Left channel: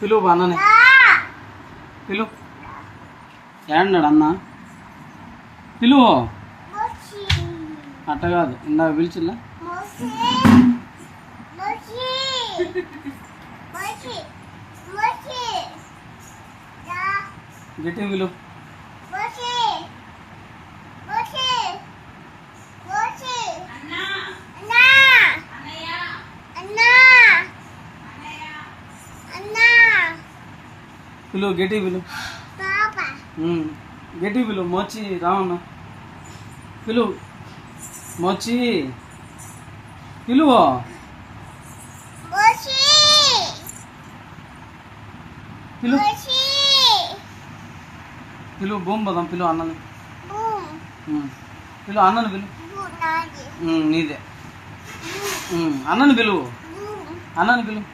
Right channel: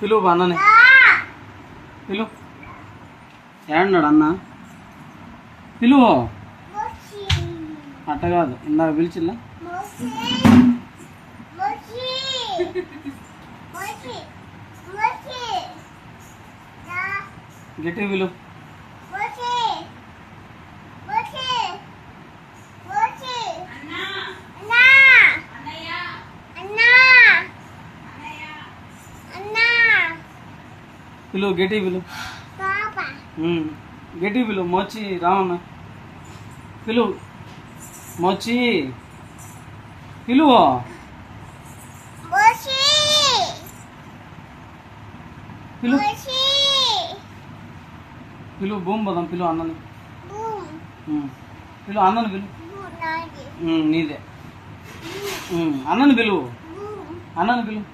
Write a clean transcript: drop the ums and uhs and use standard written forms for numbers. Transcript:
పిలువు అన్నని పిలువు. ఏడన్నాడు అన్న? పిలువు. అట్ట కాదు, ఇందాక పిలిచిల్లా. గట్టి పిలువు. పిలువు గట్టి పిలువు. గట్టి పిలువు. మోచి రావన్న పిలువు. మోచి పిలువు. పిలువు పిలువు. భూమి పోదాం. పిలువు అన్నని. పిలువు అన్నని పిలువు. నీదే. అన్నని పిలువు. అన్నని పిలువు.